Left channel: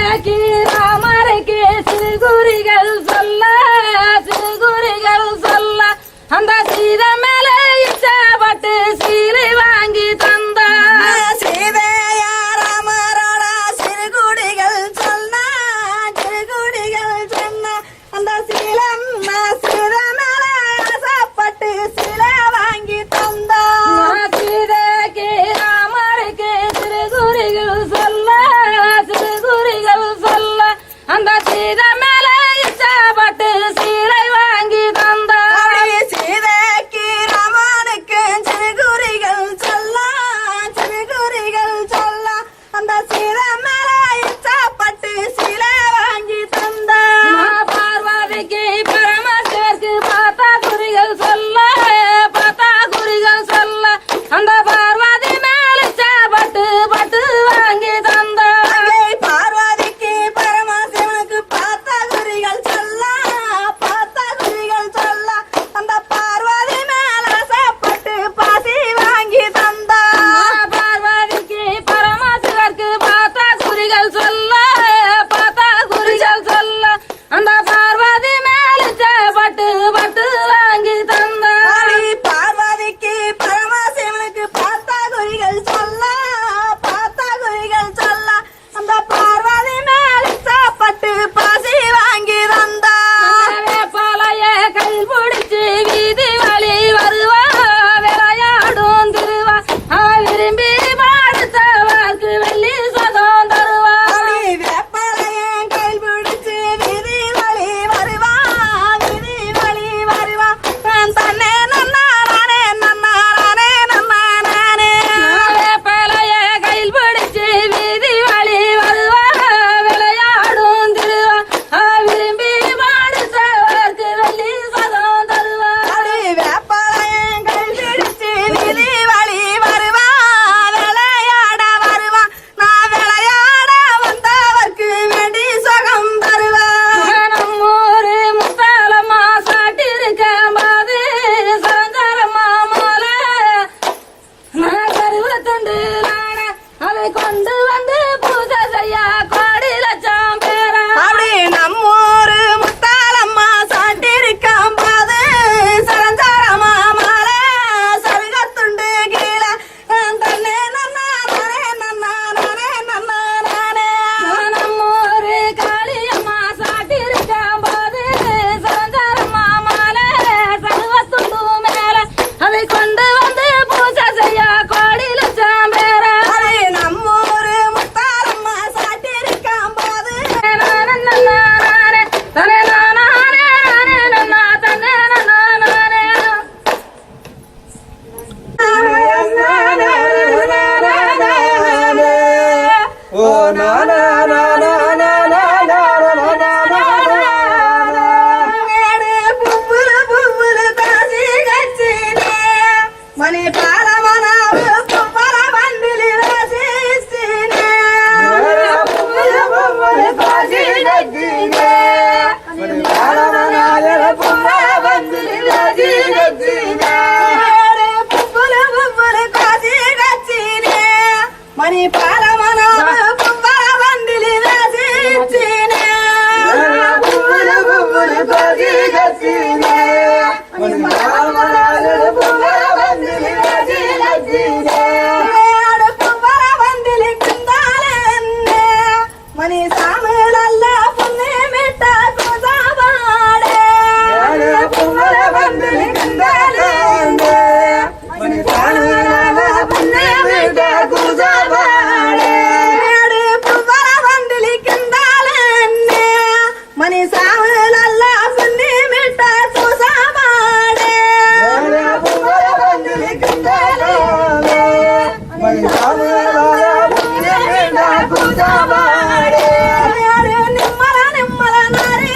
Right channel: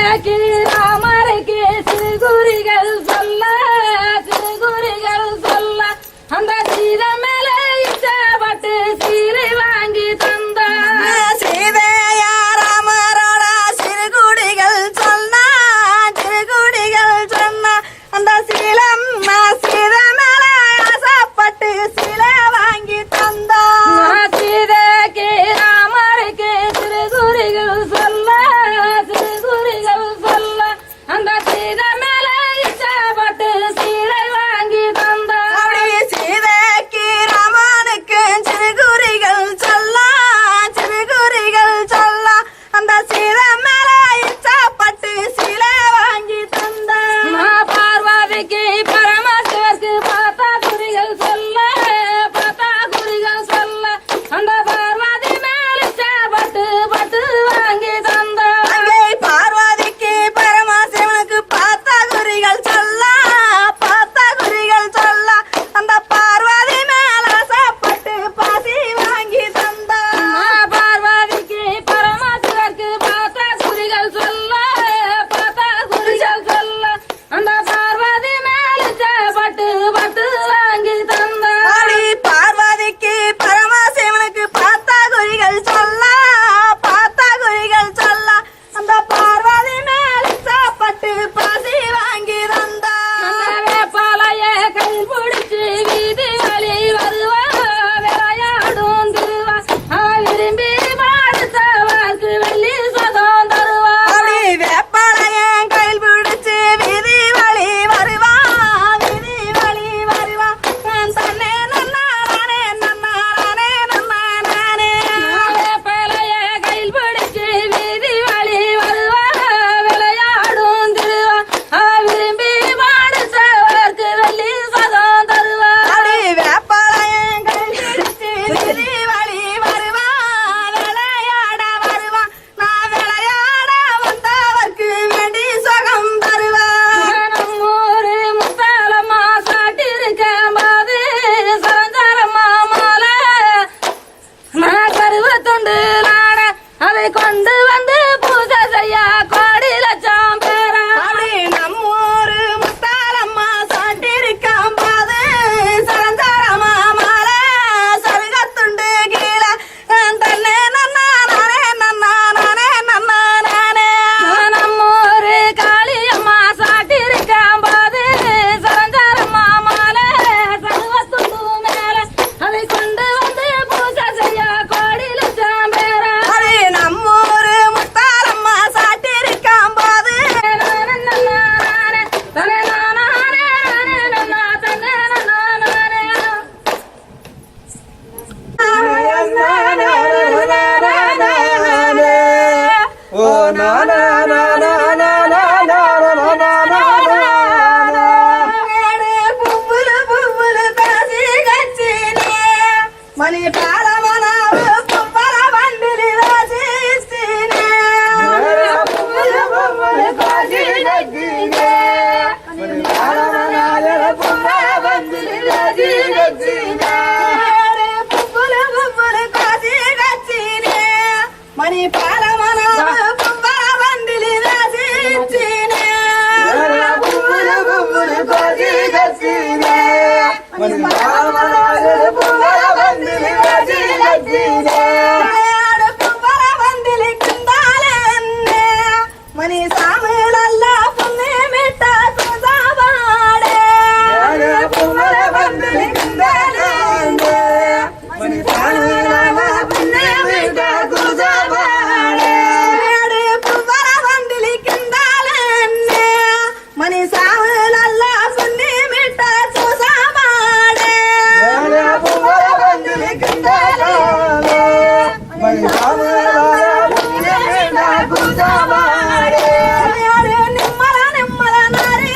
சீதைக்கு ராமருக்கு சிறுகுறிகள் சொல்ல சிறுகுறிகள் சொல்ல அந்த சீதை மேல இச்சப்பட்டு சீலை வாங்கி தந்தார். சீதையா ராமரோட சிறுகுடிகள் சொன்னா சிறுகுடிகள் சொன்னா அந்த சீலம்மா சீதை மேல ஆசைப்பட்டு சீலை வாங்கி தந்தார். சீதைக்கு ராமருக்கு சிறுகுறிகள் சொல்ல சிறுகுறிகள் சொல்ல அந்த சீதை மேல இச்சப்பட்டு சீலை வாங்கி தந்தார். அப்படி சீதைக்கு ராமனுக்கு சிறுகுறிகள் சொல்ல சிறுகுறிகள் சொல்ல அந்த சீதை மேல இச்சப்பட்டு சீலை வாங்கி தந்தார். பார்வதிக்கு பரமசிவருக்கு பார்த்தா குறிகள் சொல்ல பார்த்தா குறிகள் சொல்ல அந்த பார்வதி மேல இச்சப்பட்டு பட்டு வாங்கி தந்தார். அங்கே பார்வதிக்கு பரமசிவனுக்கு பார்த்த குறிகள் சொல்ல பார்த்த குறிகள் சொல்ல அந்த பார்வதி மேல ஆசைப்பட்டு பாசி வாங்கி தந்தார். பார்வதிக்கு பரமசிவருக்கு பார்த்தா குறிகள் சொல்ல பார்த்தா குறிகள் சொல்ல அந்த பார்வதி மேல இச்சப்பட்டு பட்டு வாங்கி தந்தார். அடி பார்வதிக்கு பரமசிவனுக்கு பார்த்த குறிகள் சொல்ல பார்த்த குறிகள் சொல்ல அந்த பார்வதி மேல ஆசைப்பட்டு பாசி வாங்கி தந்தார். வேப்பாளைய கையில் பிடிச்சு வீதி வழி வருவா விளையாடும் திருவா விரும்பி பாடுத்தவர்க்கு வெள்ளி சொகம் தருவா. அப்படி வேப்பாளையம் கையில் பிடிச்சு வீதி வழி வருவா வீதி வழி வருவா தன்னே நன்னாரானே நன்னாரானே நன்னாரானே. வேப்பாளைய கையில் பிடிச்சு வீதி வழி வருவா விளையாடும் திருவா விரும்பி பாடுத்தவர்க்கு வெள்ளி சொகம் தருவா. அப்படி வேப்பாளையம் கையில் பிடிச்சு வீதி வழி வருவா விளையாட வருவா நான் விளையாட வந்தவர்க்கு வேண்டி சுகம் தருவா. நம்மூரு முத்தாலம்மா சாட்டிருக்க பாது சரஞ்சரம்மா மாலை நான் கருவத்துண்டு நாட அதை கொண்டு வந்து பூஜை செய்ய கோடி லட்சம் பேரா. அப்படி நம்மூரு முத்தாலம்மா சாட்டிருக்காம் பாது சரஞ்சாரமா மாலை சருகத்துண்டு கீழே தன்னே நன்னானே நன்னானே நன்னானே. நம்மூரு காளியம்மா சாட்டிருக்க பாது சரஞ்சரம்மா மாலை சருவத்துண்டு மேல அதை கொண்டு வந்து பூஜை செய்ய கோடி லட்சம் பேரா. அப்படி நம்மூரு முத்தாலம்மா சாட்டிருக்காம் பாது புவ்வுல புவ்வுல தாசி கச்சினே மணி பாலமனாவு புவ்வல வண்டிலி ராசிச்சினே. புவ்வுல புவ்வுல தாசி கச்சினே மணி பாலமனாவு புவ்வல வண்டிலி ராசிச்சினே. புவ்வுல புவ்வுல தாசி கச்சினே மணி பாலமனாவு புவ்வல வண்டிலி ராசிச்சினே. புவ்வுல புவ்வுல தாசி கச்சினே மணி பாலமனாவு புவ்வல வண்டிலி ராசிச்சினே. புவ்வல வண்டிலி கிந்தாலென்னே மணி சாமிளல்ல புண்ணி மிட்ட குசாவாடே. புவ்வல வண்டிலி கிந்தாலென்னே மணி சாமிளல்ல புண்ணி மிட்ட குசாவாடே. புவ்வல வண்டிலி கிந்தாலென்னே மணி சாமிளல்ல புண்ணி மிட்ட குசாவாடே. புவ்வல வண்டிலி கிந்தாலென்னே மணி சாமிளல்ல புண்ணி மிட்ட குசாவாடே. நிம்மல நிம்மல நாரி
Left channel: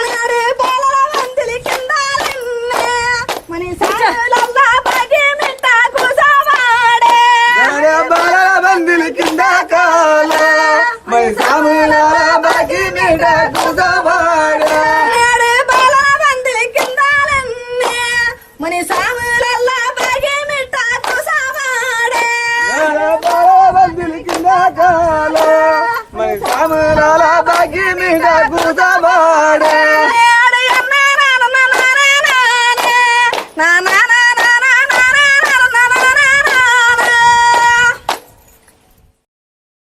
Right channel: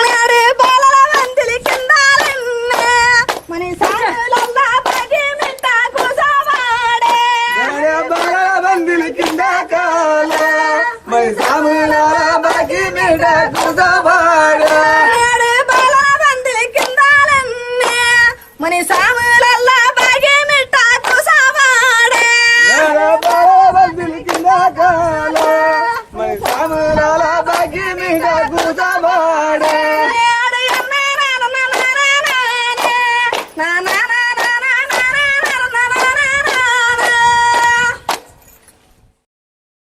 నాడు బాలల వందిలి కిందాలన్నే మని సాములల్లా బాగి మిట్ట కూసవాడే నాడు బాలల వందిలి కిందాలన్నే మని సాము